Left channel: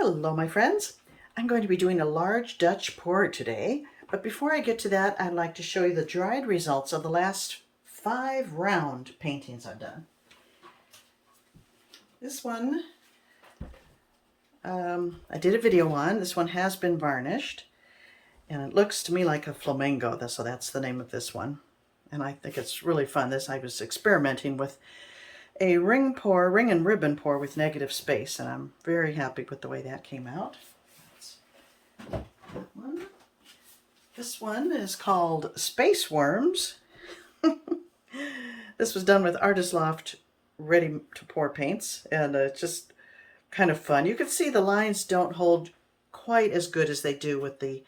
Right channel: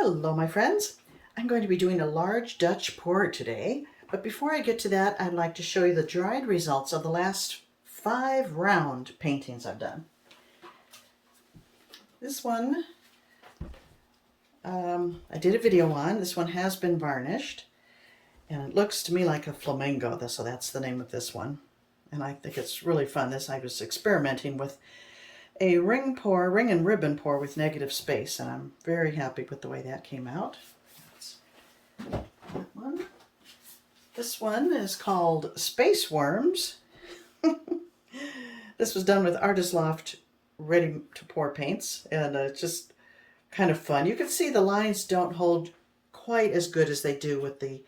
Hello, my friends. I'm going to be doing a large Dutch pour today, but before I get to that, I'd like to show you the dried results of the last 5 round paintings I've done. This one, I did a video on. This one has been varnished, and it looks to me like a flamingo, so that's the name of this one. And I think it's really fun. I was experimenting with a ring and ribbon pour with negative space, and I'm very happy with the way that came out. That one. This one is called Space Worms. This was done with Artist Loft ready to pour paints, and it's just kind of fun. You can see the lines don't hold quite as good as they do with the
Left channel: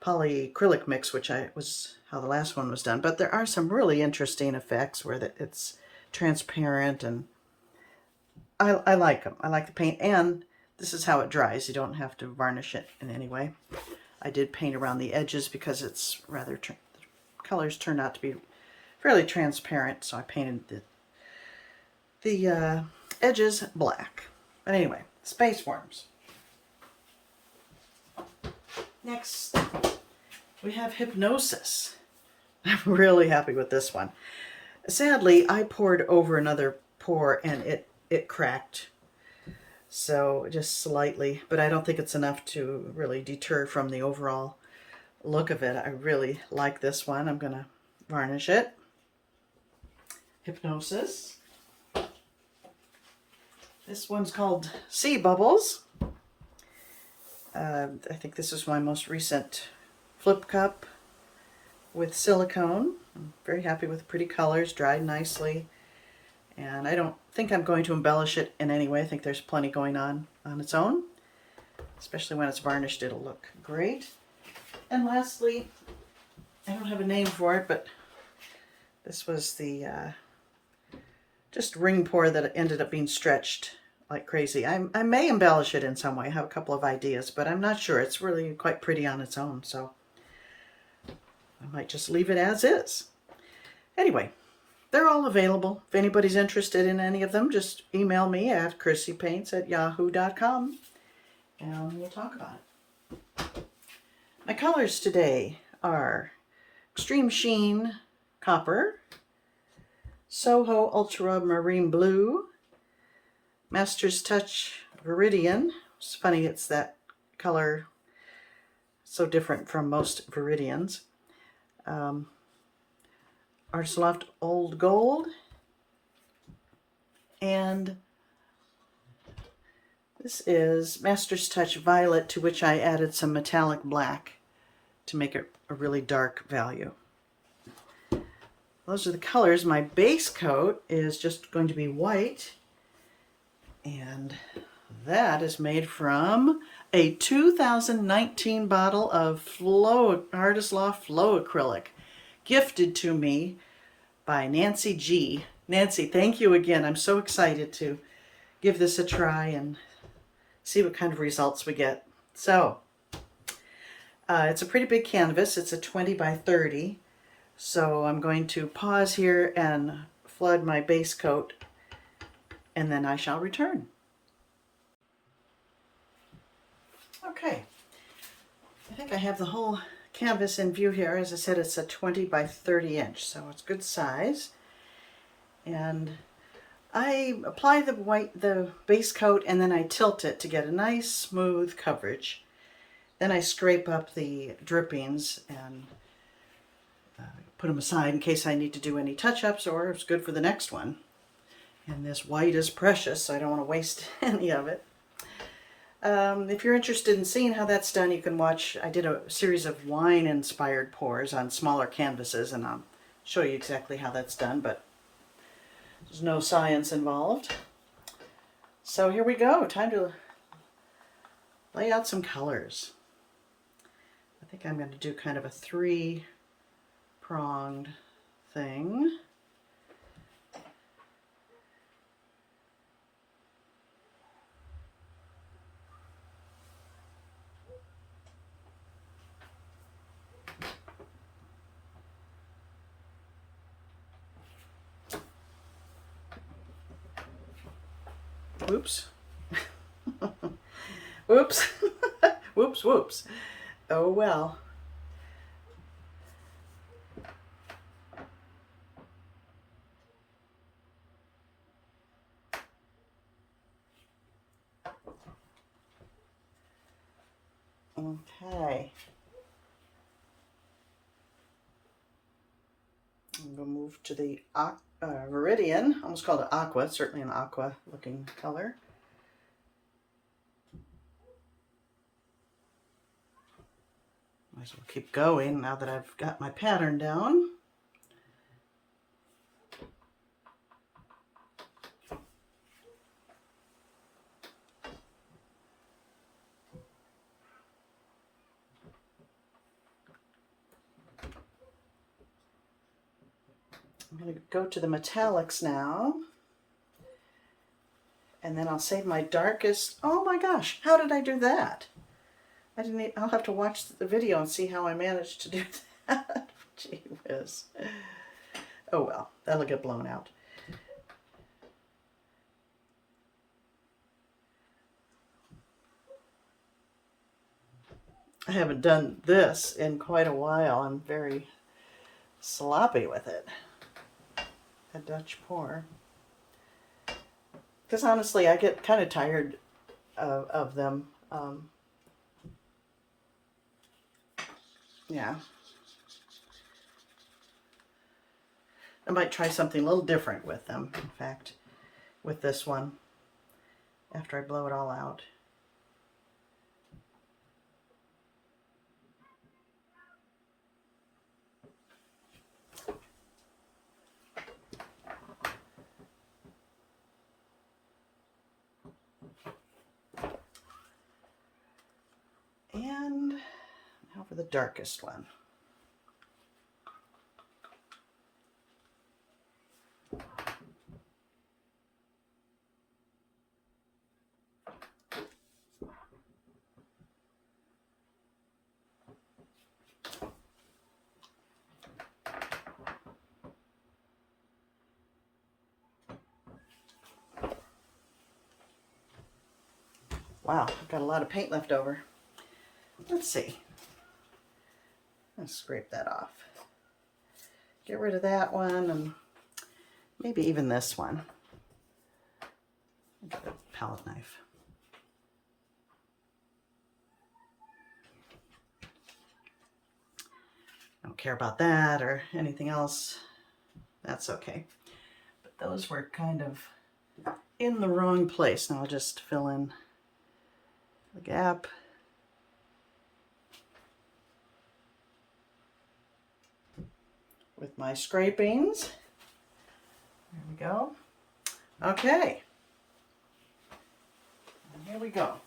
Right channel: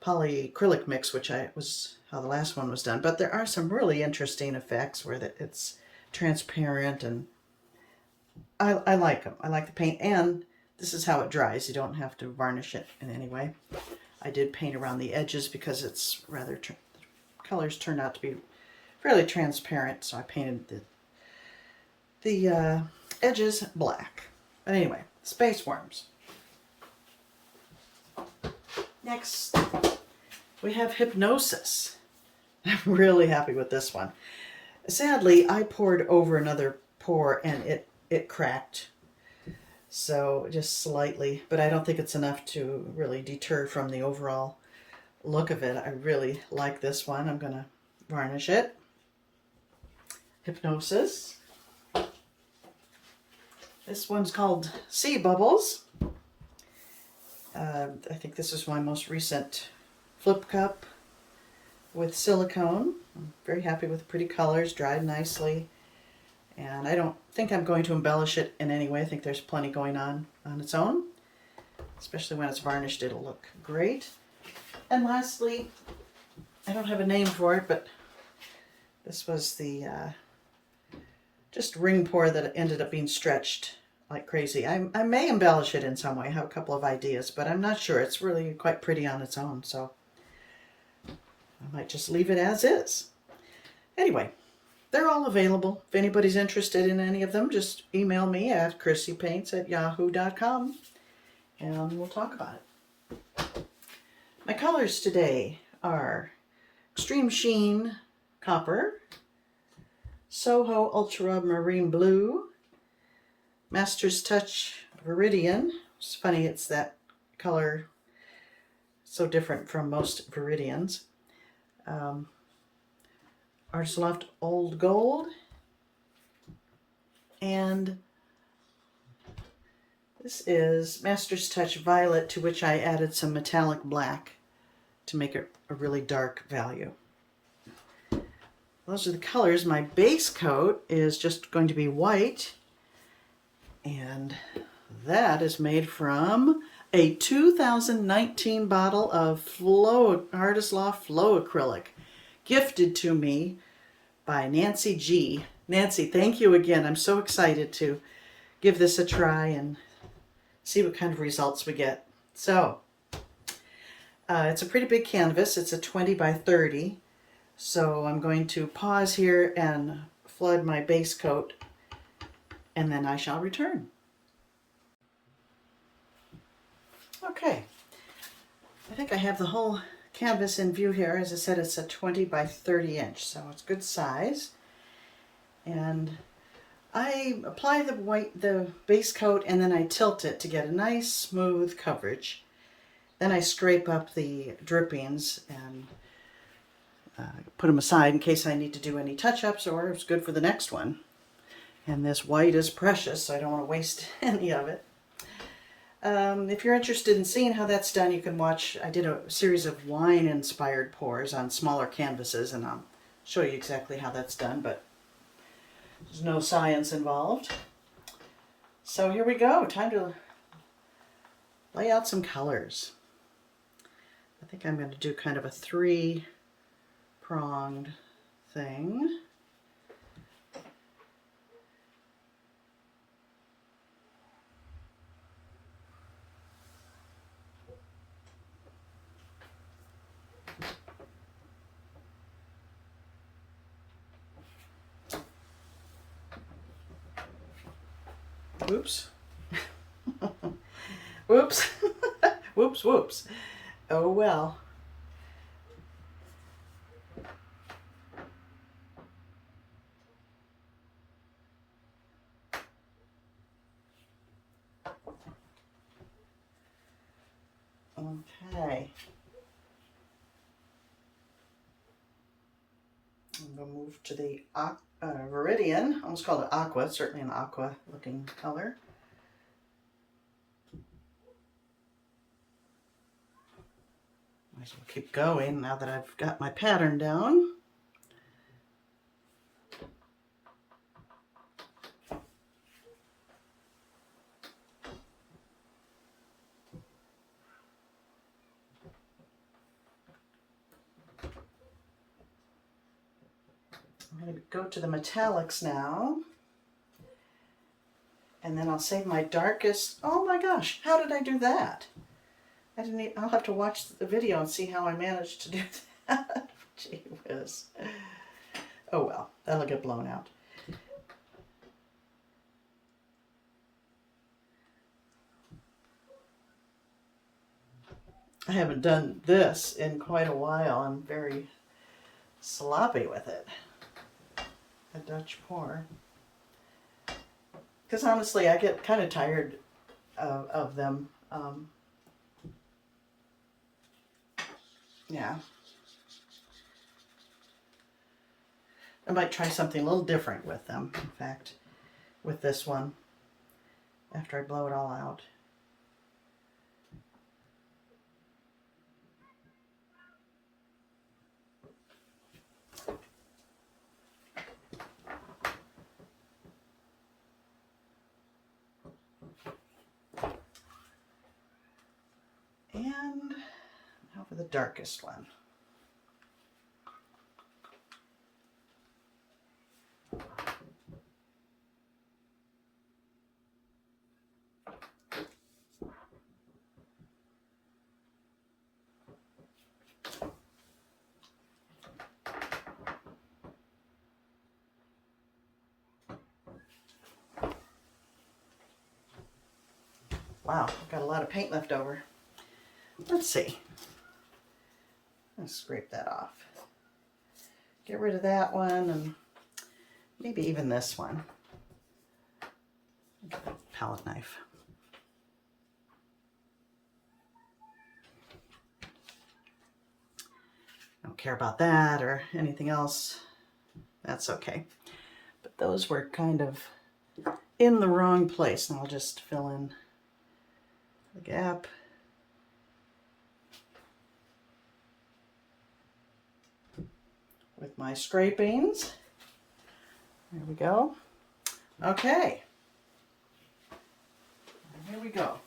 polyacrylic mix, which was how the last one was done, but there are some really interesting effects where it's transparent, and I like them. I like the paint, and this is how it dries. You don't have to varnish it in any way. I did paint around the edges because it's rather the colors turned out to be fairly transparent, so I painted the edges black. But anyway, Space Worms. Next, we have Hypnosis. I'm really happy with this one. Sadly, I poured over another pour and it cracked, so just slightly, but I don't think it's enough to really deter from the overall look of it. I really like this one. I'm going to varnish it. Hypnosis. This one's called Sea Bubbles. I think this is my most recent flip cup with silicone. I'm very happy with the pretty colors, dried nicely. And I don't think I'm going to embellish it in any way. I think there's plenty going on its own. Especially when it's varnished, it'll look great. And lastly, I don't have a name for it, but this was the just ring pour that ended up being stretched like crazy. I may embellish it in some way. I have a couple of ideas, but I'm not sure. It's really quite pretty on its own, so I might just leave it as is. Anyway, they're all available. If anybody's interested in any of them, just email me at chrissypaints@yahoo.com and we'll talk about it. My colors today are Extreme Sheen Copper, Soho Ultramarine Blue, Master's Touch Viridian. It's funny, it's that color so different from most Viridians. Artist Loft Old Gold, and this is Master's Touch Violet, to which I added some metallic black to make it a really dark value. Those are the colors. My base coat is just going to be white, and that is made from a 2019 bottle of Artist Loft Flow Acrylic, gifted to me by Nancy G. Nancy, thank you again. I'm so excited to give this a try and see what kind of results we get. So, it's a pretty big canvas. It's a 20 by 30. So I'm going to pause here and flood my base coat, and then I shall return. Okay, I think I have the whole canvas in view here. As I said, it's a 20 by 30 inch, so it's good size. And I apply the base coat, and then I tilt it to get a nice smooth coverage. Then I scrape up the drippings and put them aside in case I need to do any touch-ups, or it's good for the next one. And this white is precious, so I don't want to waste any of it. If you're interested in seeing how that's done, you can watch. I did a series of wine-inspired pours on smaller canvases, and I'll show you exactly how that's done, but there's no science involved. So here we go. Time to lay out some colors. I think I'm going to do kind of a 3-pronged thing. Oops. Whoops. Whoops, whoops. Oh well. Okay. I'm going to move to the Viridian. Almost called it aqua. It's certainly an aqua looking color. Might as well keep going now that I've got my pattern down. I'm going to go to the metallics now. And then I'll save my darkest. Oh my gosh, how did I do that? I didn't even, I'll have to watch the video and see how I managed to do that. Gee whiz. Oh well, that'll get blown out. I haven't done this in quite a while. I'm very sloppy with it. A Dutch pour. Because honestly, I get kind of tired of them. Yeah. I might try something a little different with them, in fact, with this one, after I blow it all out. And now for the darkest one. Wow, I've got a lot of paint left over. Let's see. Let's scrape that off. Get rid of that one and maybe even this one. Get a palette knife. I don't care about that or anything else. That's okay. But those were kind of in the wrong place. Now I'll just fill in the gap. With my scrapings. There we go. Okay. And here we go.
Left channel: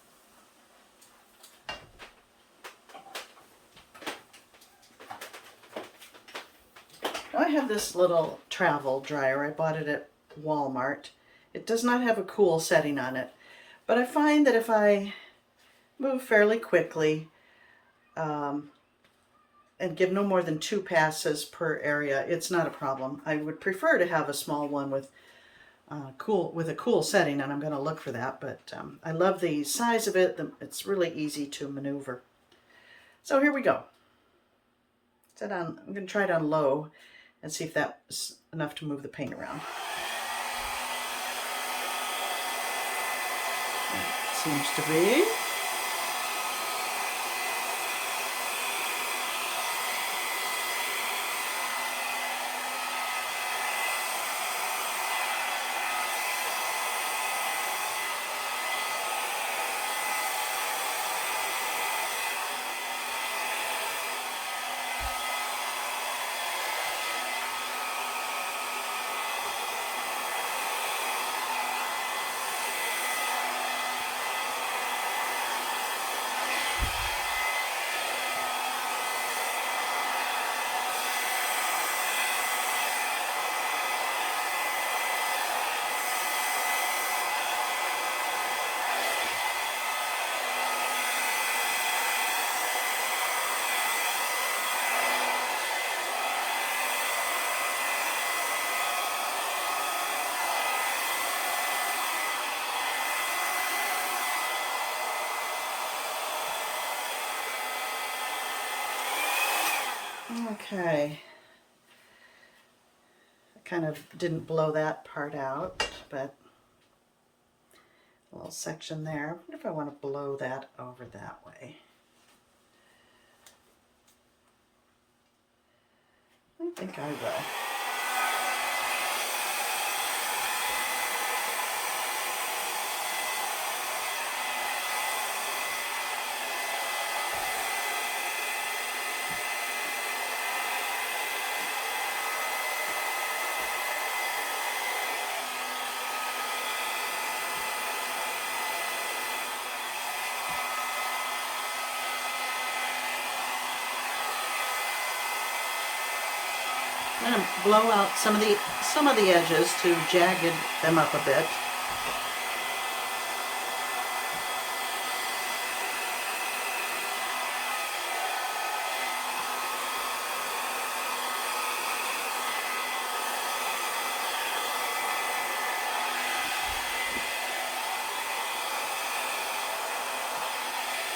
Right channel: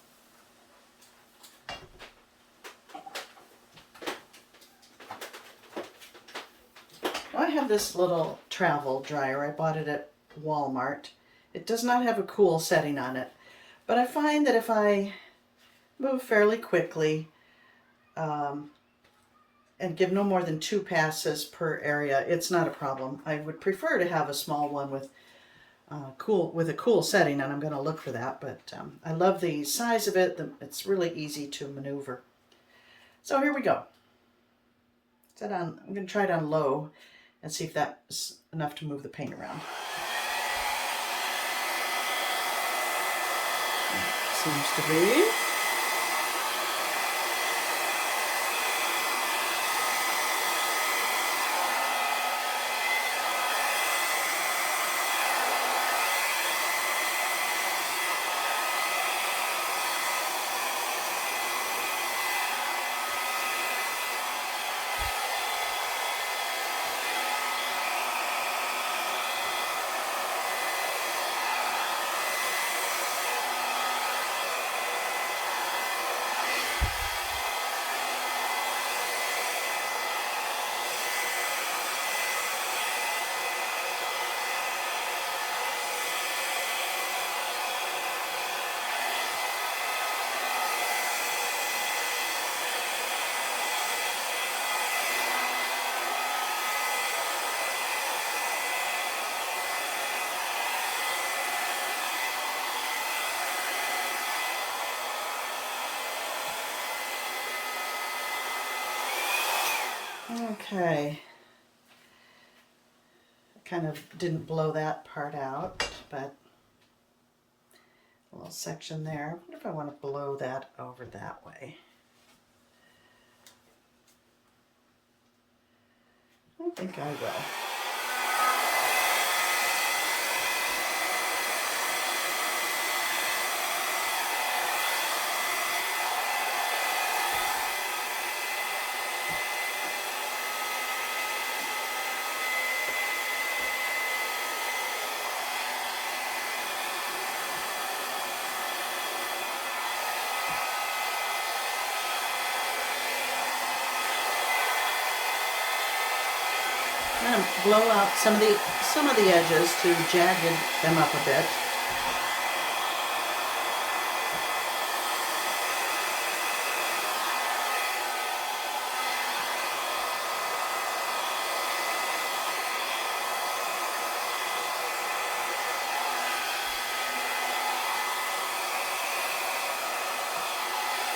Now I have this little travel dryer. I bought it at Walmart. It does not have a cool setting on it, but I find that if I move fairly quickly, and give no more than 2 passes per area, it's not a problem. I would prefer to have a small one with a cool setting, and I'm going to look for that, but I love the size of it. It's really easy to maneuver. So here we go. Set on, I'm going to try it on low and see if that's enough to move the paint around. It seems to be. Okay. I kind of didn't blow that part out, but a little section there. I wonder if I want to blow that over that way. I think I will. I'm going to blow out some of the edges to jagged them up a bit.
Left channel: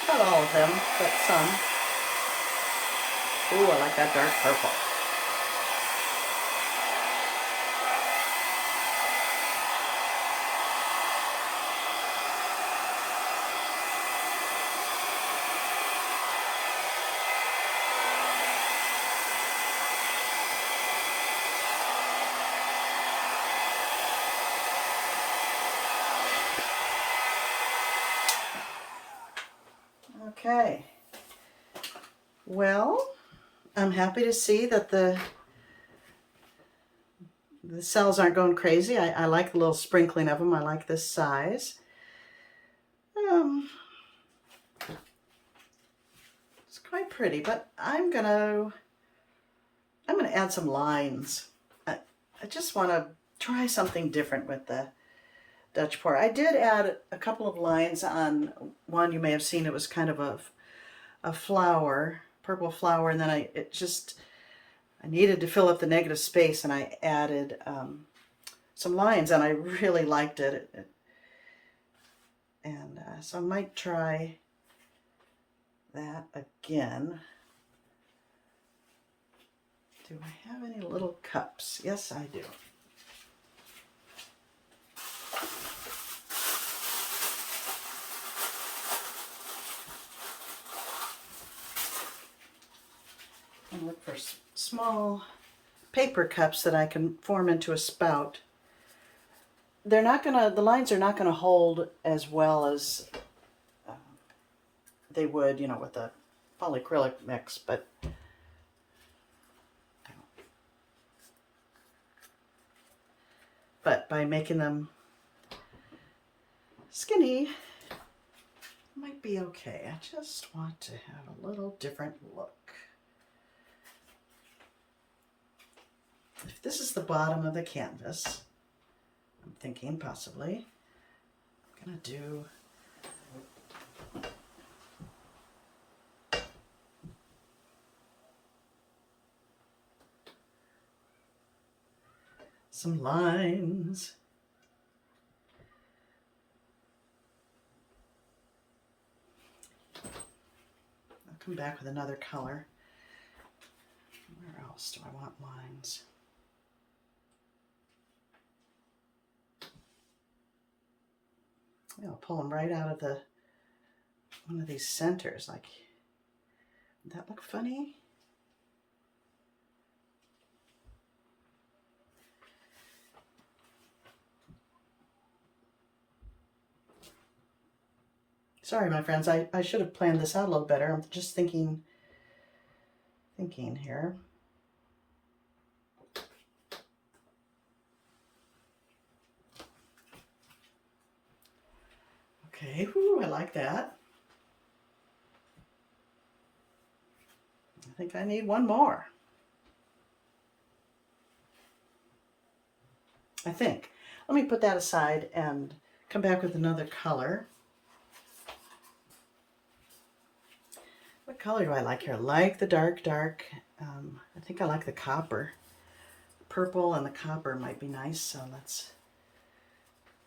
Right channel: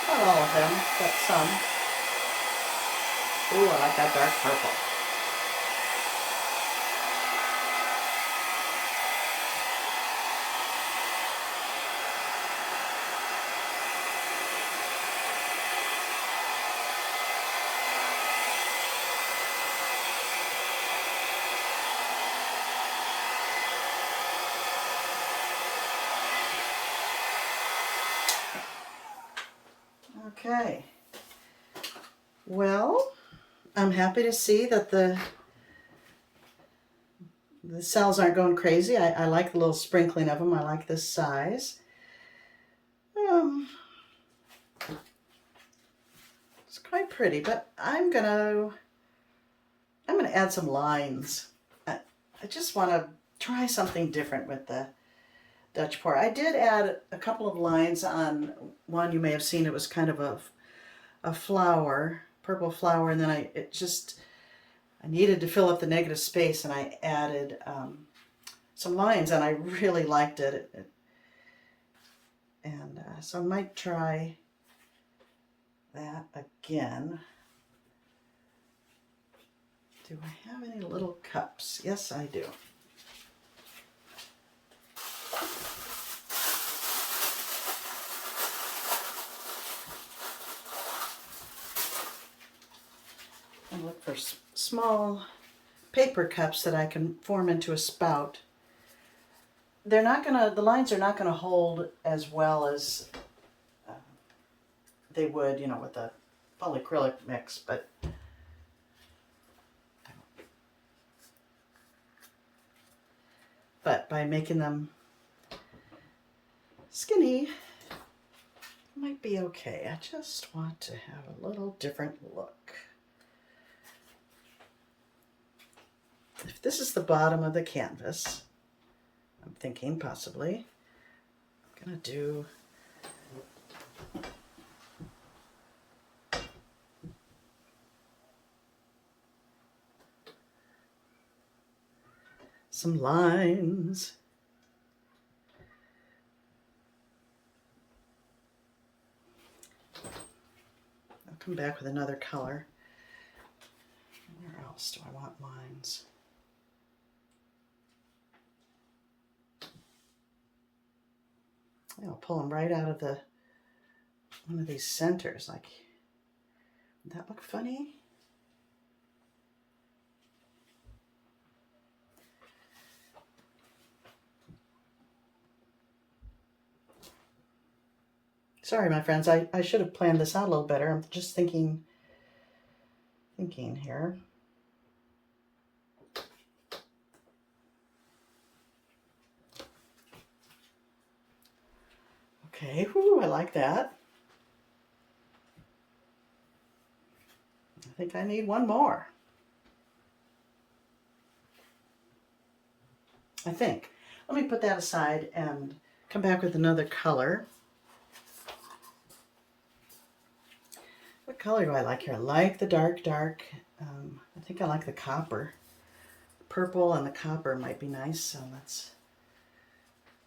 Not all of them, but some. Ooh, I like that dark purple. Okay. Well, I'm happy to see that the cells aren't going crazy. I like the little sprinkling of them. I like this size. It's quite pretty, but I'm gonna add some lines. I just want to try something different with the Dutch pour. I did add a couple of lines on one. You may have seen it was kind of a flower, purple flower, and then I needed to fill up the negative space, and I added some lines, and I really liked it. So I might try that again. Do I have any little cups? Yes, I do. I look for small paper cups that I can form into a spout. The lines are not gonna hold as well as they would, with the polyacrylic mix, but by making them skinny, might be okay. I just want to have a little different look. If this is the bottom of the canvas, I'm thinking possibly I'm gonna do some lines. I'll come back with another color. Where else do I want lines? I'll pull them right out of one of these centers. Like, would that look funny? Sorry, my friends, I should have planned this out a little better. I'm just thinking here. Okay, whoo, I like that. I think I need one more. I think. Let me put that aside and come back with another color. What color do I like here? I like the dark. I think I like the copper. Purple and the copper might be nice, so let's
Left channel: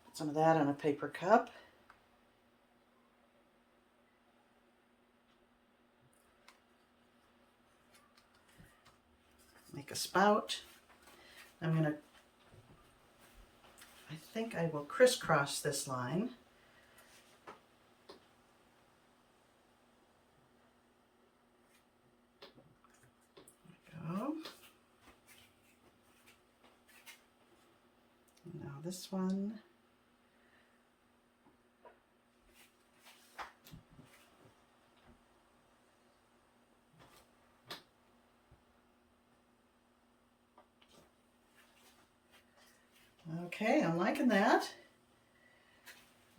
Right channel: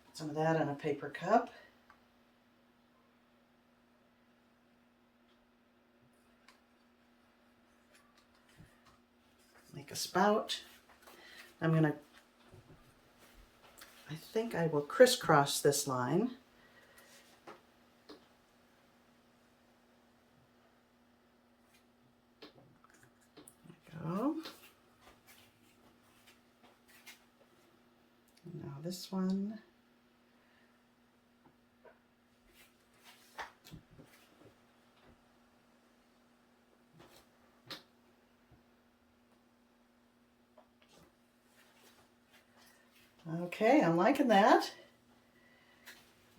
put some of that in a paper cup. spout. I think I will crisscross this line. There we go. And now this one. Okay, I'm liking that.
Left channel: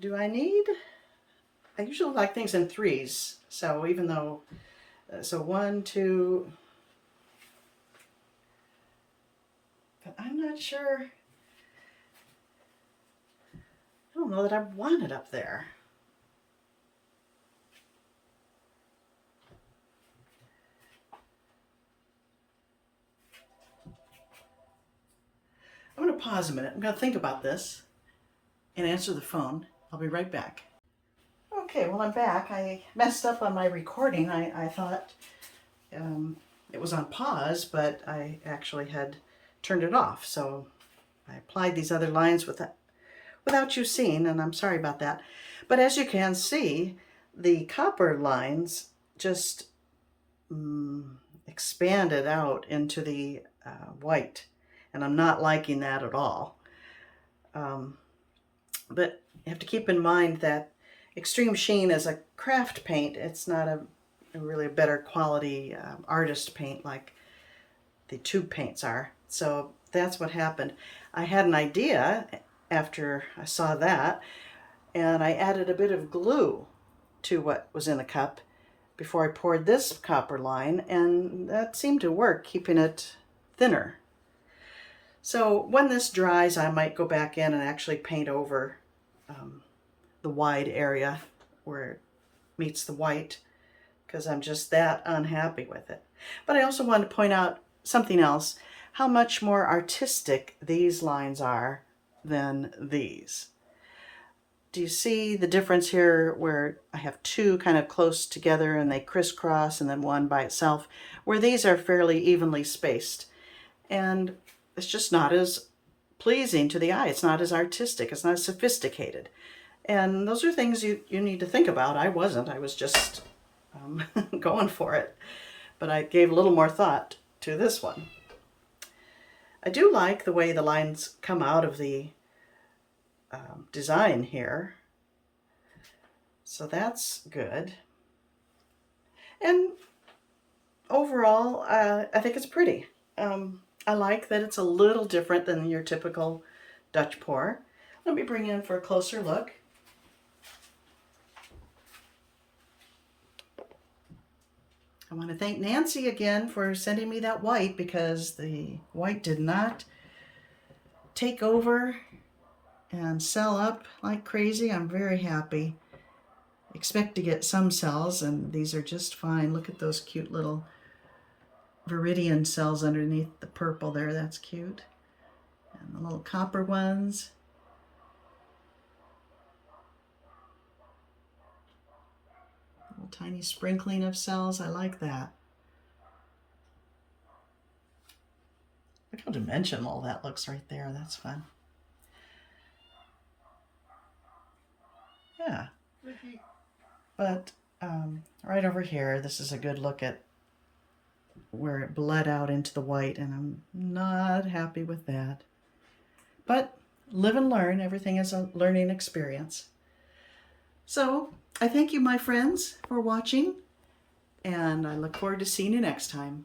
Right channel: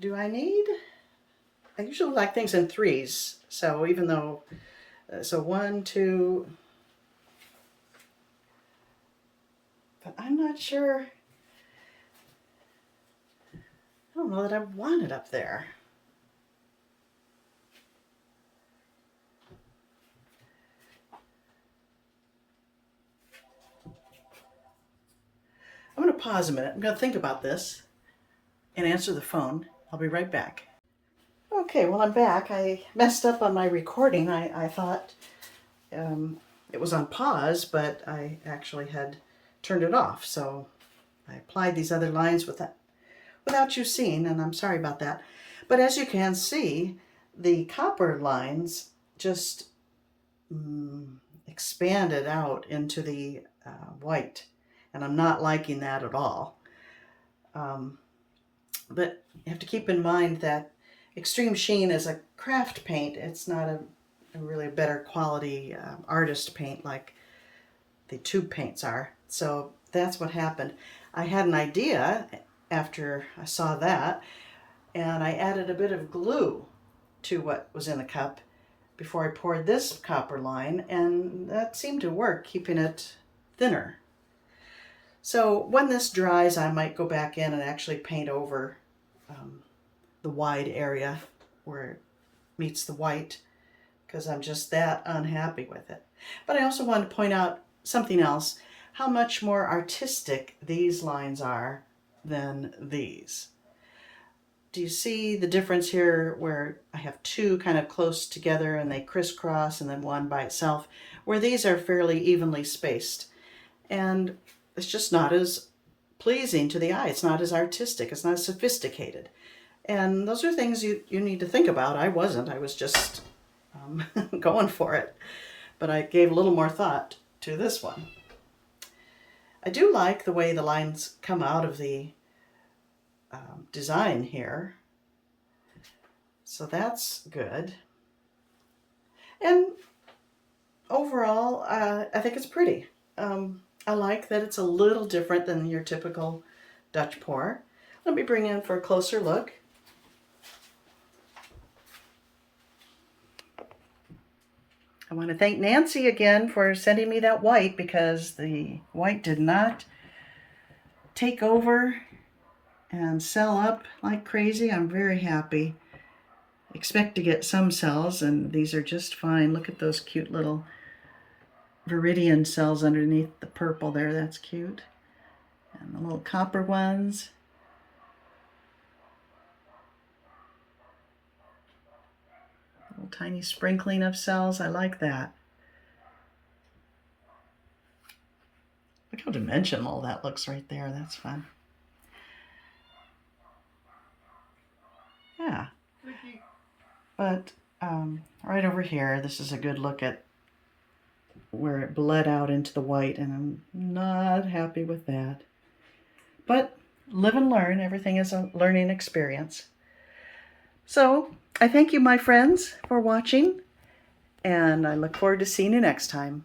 Do I need? I usually like things in threes. So even though, so 1, 2, but I'm not sure. I don't know that I want it up there. I'm going to pause a minute. I'm going to think about this and answer the phone. I'll be right back. Okay, well, I'm back. I messed up on my recording. I thought it was on pause, but I actually had turned it off. So I applied these other lines without you seeing, and I'm sorry about that. But as you can see, the copper lines just expanded out into the white. And I'm not liking that at all. But you have to keep in mind that Extreme Sheen is a craft paint. It's not a really better quality artist paint like the tube paints are. So that's what happened. I had an idea after I saw that, and I added a bit of glue to what was in the cup before I poured this copper line, and that seemed to work, keeping it thinner. So when this dries, I might go back in and actually paint over the wide area where it meets the white, because I'm just that unhappy with it. But I also wanted to point out something else, how much more artistic these lines are than these. Do you see the difference here where I have two kind of close together and they crisscross and then one by itself, where these are fairly evenly spaced? And it's just not as pleasing to the eye. It's not as artistic. It's not as sophisticated. And those are things you need to think about. I wasn't. I was just going for it. But I gave a little more thought to this one. I do like the way the lines come out of the design here. So that's good. And overall, I think it's pretty. I like that it's a little different than your typical Dutch pour. Let me bring in for a closer look. I want to thank Nancy again for sending me that white, because the white did not take over and sell up like crazy. I'm very happy. Expect to get some cells, and these are just fine. Look at those cute little Viridian cells underneath the purple there. That's cute. And the little copper ones. Little tiny sprinkling of cells. I like that. Look how dimensional that looks right there. That's fun. Yeah. But right over here, this is a good look at where it bled out into the white, and I'm not happy with that. But live and learn. Everything is a learning experience. So I thank you, my friends, for watching, and I look forward to seeing you next time.